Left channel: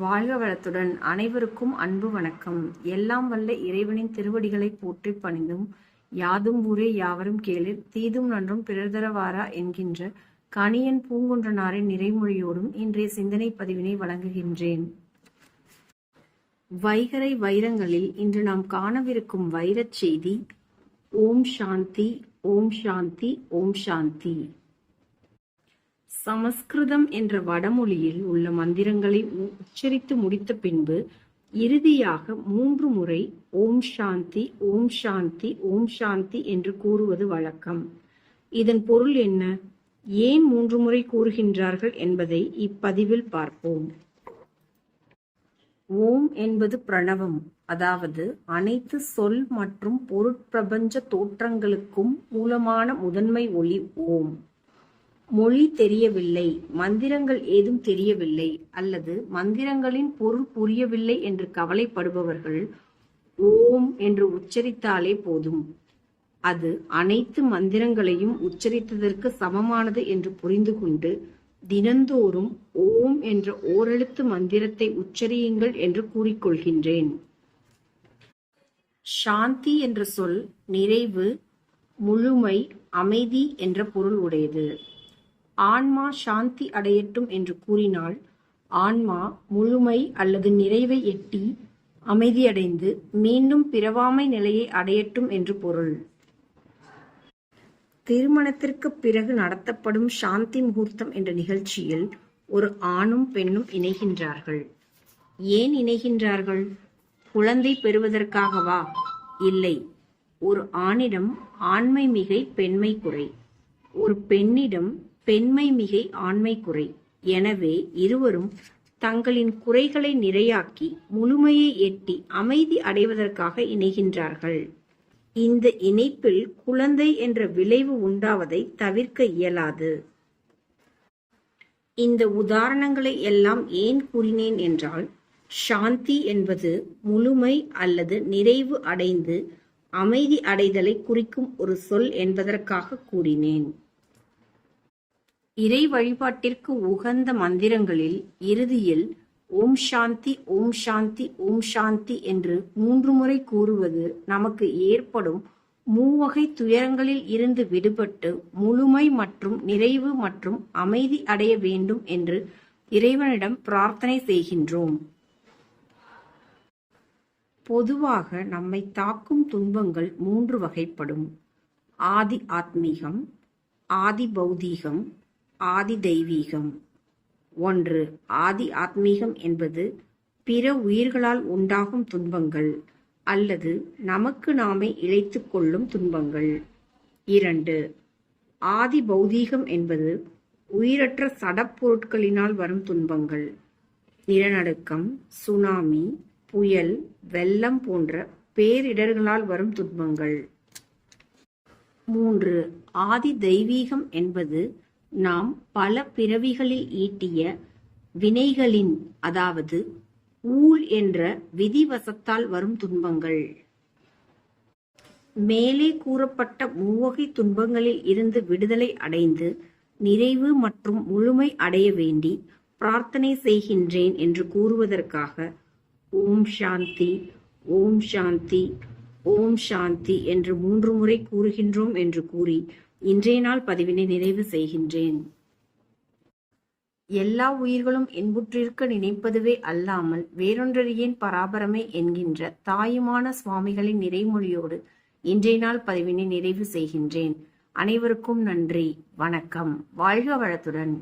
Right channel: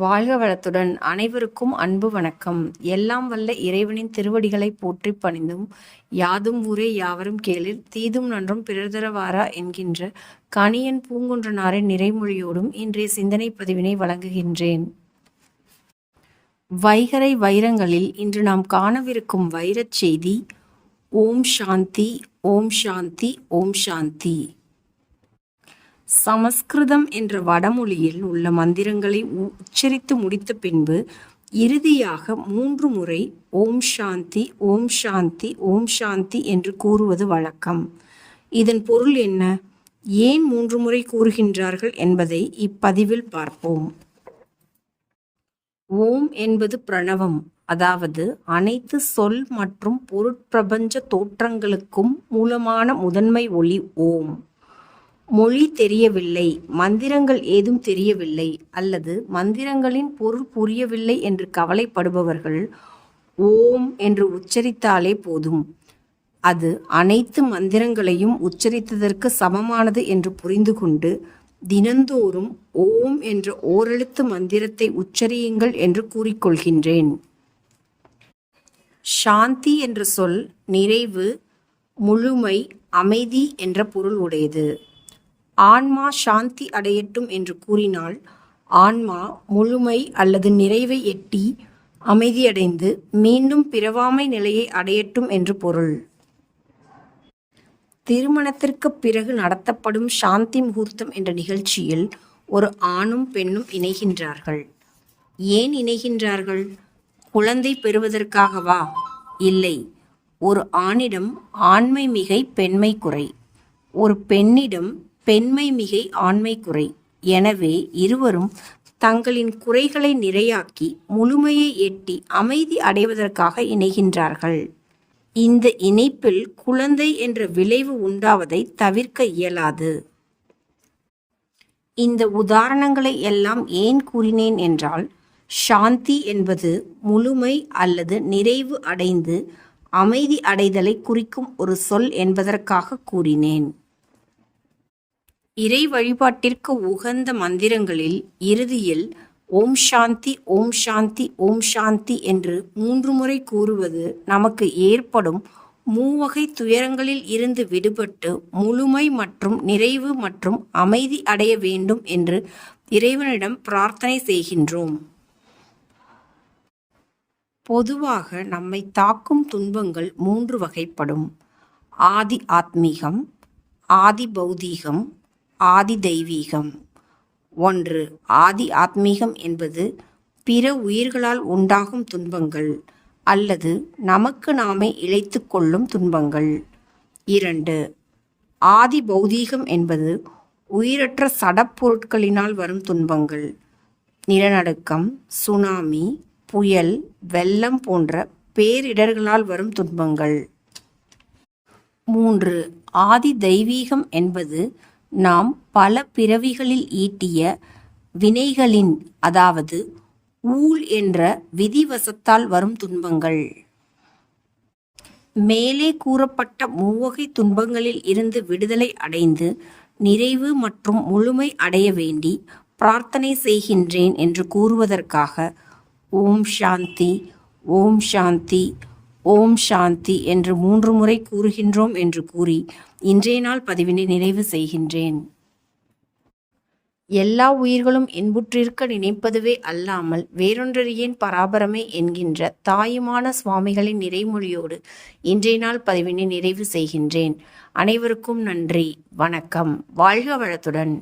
வாழ்க வளத்துடன் அனைவருக்கும் அன்பு வணக்கம். எல்லாம் வல்ல இறைவனின் திருவடிகளை போற்றி பணிந்தும் யாதும் ஊரே யாவரும் கேளிர் தீதும் நன்றும் பிறர்தர வாரா என்கின்ற கணியன் பூங்குன்றனாரின் நிறைமொழியோடும் இன்றைய சிந்தனை பதிவினை வழங்குகின்றேன். வைகறை வைரங்களில் இன்று நாம் காணவிருக்கும் வைரச் செய்தி ஓம் சாந்தி, ஓம் சாந்தி, ஓம் சாந்தி. சமஸ்கிருதம் என்ற வடமொழியில் உள்ள மந்திரங்களை உச்சரித்து முடித்த பின்பு இறுதியாக 3 முறை ஓம் சாந்தி, ஓம் சாந்தி, ஓம் சாந்தி என்று கூறுவது வழக்கம். இதன் பொருள் என்ன, ஏன் 3 முறை கூறுகின்றார்கள் என்பதை இப்பதிவில் பார்ப்போம். ஓம் என்பது பிரணவம், அதாவது அனைத்து சொல் மற்றும் பொருட்பிரபஞ்ச தோற்றங்களுக்கும் மூலமான முதன்மை ஒளி ஓம். மொழி தெரியவில்லை, மந்திரங்கள் ஏதும் தெரியவில்லை அல்லது மந்திரங்களின் பொருள் புரியவில்லை என்று கவலைப்படுபவர்கள் ஓம் என்று உச்சரித்தாலே போதும், அது அனைத்து மந்திரங்களையும் உச்சரித்ததற்கு சமமானது என்று புரிந்து கொண்டு தினந்தோறும் ஓம் என்ற ஓரெழுத்து மந்திரத்தை உச்சரியுங்கள் என்று கூறிக்கொள்கின்றேன். சாந்தி என்ற சொல் நிறைவு, முழுமை, அமைதி என்ற பொருள் உடையது. ஆன்மா சாந்தி அடையட்டும் என்று கூறினால் ஆன்மா முழுமை அல்லது நிறைவை எட்டி அமைதியடைந்து மீண்டும் பிறவாமை நிலையை அடையட்டும் என்று பொருள். திருமணத்திற்கு பிறகு நடத்தப்படும் சாந்தி முகூர்த்தம் என்ற நிகழ்ச்சியில் ஒரு ஆணும் பெண்ணும் இணைகின்றார்கள். ஏன் இணைகின்றார்கள்? குழந்தை பெறுவதற்காகவா? இல்லை. ஒரு ஆணிடம் ஆண்மை மிகை பெண்மை குறை, ஒரு பெண்ணிடம் பெண்மை மிகை ஆண்மை குறை. எனவே இருவரும் தங்களின் குறைகளை நிறையாக்கி முழுமையை எட்டி அமைதி அடைவதற்காக இணைகின்றார்கள். இந்த இணைப்பில் குழந்தை என்ற விளைவு உண்டாவதை தவிர்க்க இயலாது. இந்த உதாரணங்களை எல்லாம் ஏன் கூறினேன் என்றால், சாந்தி என்பது முழுமை அல்லது நிறைவு அடைந்து அமைதி அடைதலை குறிக்கும் ஒரு சொல் என்பதற்காக கூறினேன். இறை வழிபாட்டிற்கு உகந்த மந்திரங்களில் இறுதியில் ஓம் சாந்தி, ஓம் சாந்தி, ஓம் சாந்தி என்று 3 முறை கூறுவது நமக்கு ஏற்படும் மூவகை துயரங்களில் இருந்து விடுபட்டு முழுமை மற்றும் நிறைவு மற்றும் அமைதி அடைய வேண்டும் என்று இறைவனிடம் பிரார்த்தனை செய்கின்றோம். பொதுவாக நம்மை தாக்கும் துன்பங்கள் 3 வகைப்படும். ஆதி ஆத்மீகம், ஆதி பௌதீகம், ஆதி தெய்வீகம். 1. ஆதி ஆத்மீகம் என்பது பிற உயிர்களால் உண்டாகும் துன்பங்கள் அல்லது நமக்கு நாமே இழைத்து கொள்ளும் துன்பங்கள். 2. ஆதி பௌதீகம் என்பது உயிரற்ற சடப்பொருட்களினால் வரும் துன்பங்கள். நிலநடுக்கம், சுனாமி, புயல், வெள்ளம் போன்ற பேரிடர்களால் வரும் துன்பங்கள். 3. ஆதி தெய்வீகம் என்பது நாம் பல பிறவிகளில் ஈட்டிய வினைகளின், அதாவது ஊழ் என்ற விதிவசத்தால் வரும் துன்பங்கள். மேலே கூறப்பட்ட மூவகை துன்பங்களில் இருந்து விடுதலை அடைந்து நிறைவு மற்றும் முழுமை அடைய வேண்டி பிரார்த்தனை செய்கின்றேன் என்று கூறுவதற்காக ஓம் சாந்தி, ஓம் சாந்தி, ஓம் சாந்தி என்று 3 முறை கூறுகின்றோம் என்று கூறி இன்றைய நாள் பதிவினை நிறைவு செய்கின்றேன். எல்லா உயிர்களும் இன்புற்றிருக்க நினைப்பதுவே அல்லாமல் வேறொன்றறியேன் பராபரமே என்கின்ற தாயுமான சுவாமிகளின் நிறைமொழியோடு இன்றைய நாள் பதிவினை நிறைவு செய்கின்றேன். அனைவருக்கும் நன்றி, வணக்கம். வாழ்க வளத்துடன்.